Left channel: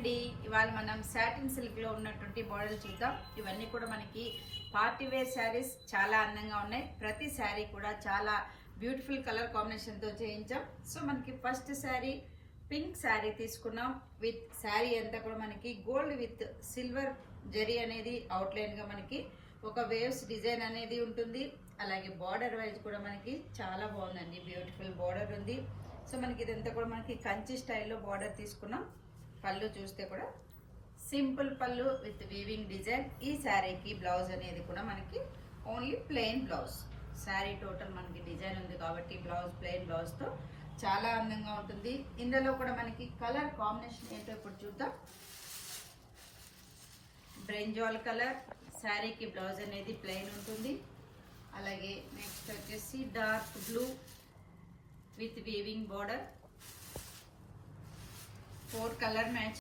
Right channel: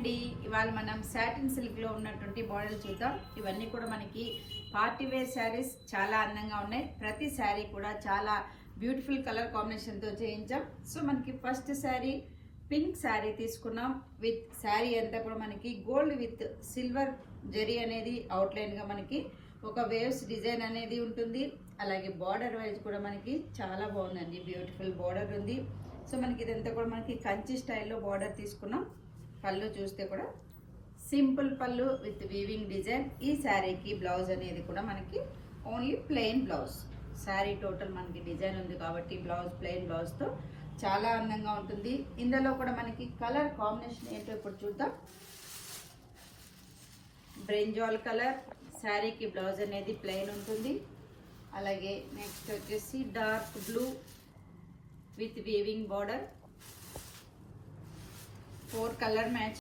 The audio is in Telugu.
అండి, ఇవాళ మనం సాటిన్ సిల్క్ లో ఉన్నటువంటి మోడల్ చూద్దాం. ఇవన్నీ కూడా మనకి పార్టీ వేర్ శారీస్ చాలా అందంగా ఉన్నాయి. ప్రతి శారీ కూడా చాలా బ్యూటిఫుల్ కలర్ కాంబినేషన్ తో చేయించాం. సో మనకి ఫస్ట్ శారీ పింక్ శారీ తీసుకున్నాం. విత్ శారీ అంతా కూడా మనకి గోల్డ్ విత్ సిల్వర్ జరీ అనేది అవుట్లైన్ గా మనకి ఒక వేవ్స్ డిజైన్ అనేది ఉంటుంది. అలాగే బార్డర్ వైజ్ కూడా మనకి చాలా బాగుందండి, బ్యూటిఫుల్ బార్డర్ ఉంది. సో మనకి ఇదంతా కూడా మనకి కంచి స్టైల్లో బార్డర్ తీసుకున్నాం. పళ్ళు చూస్తే కూడా సింపుల్ పళ్ళు విత్ వీవింగ్ డిజైన్. ఈ శారీకి బ్లౌజ్ అనేది కూడా మనకి only plain blouse. Sari total మనకి డిజైన్ ఉంది కాబట్టి బ్లౌజ్ ప్లెయిన్ బ్లౌజ్ తో చాలా అందంగా ఉంటుంది. ఇందులో కూడా మనకి కలర్ కాంబినేషన్ ఏంటో ఇప్పుడు చూద్దాం. బ్రింజాల్ కలర్ శారీకి బ్లౌజ్ అనేది ప్లెయిన్ ఉంటుంది. అలాగే నెక్స్ట్ వచ్చేసి dark blue with weaving border. 4 colour match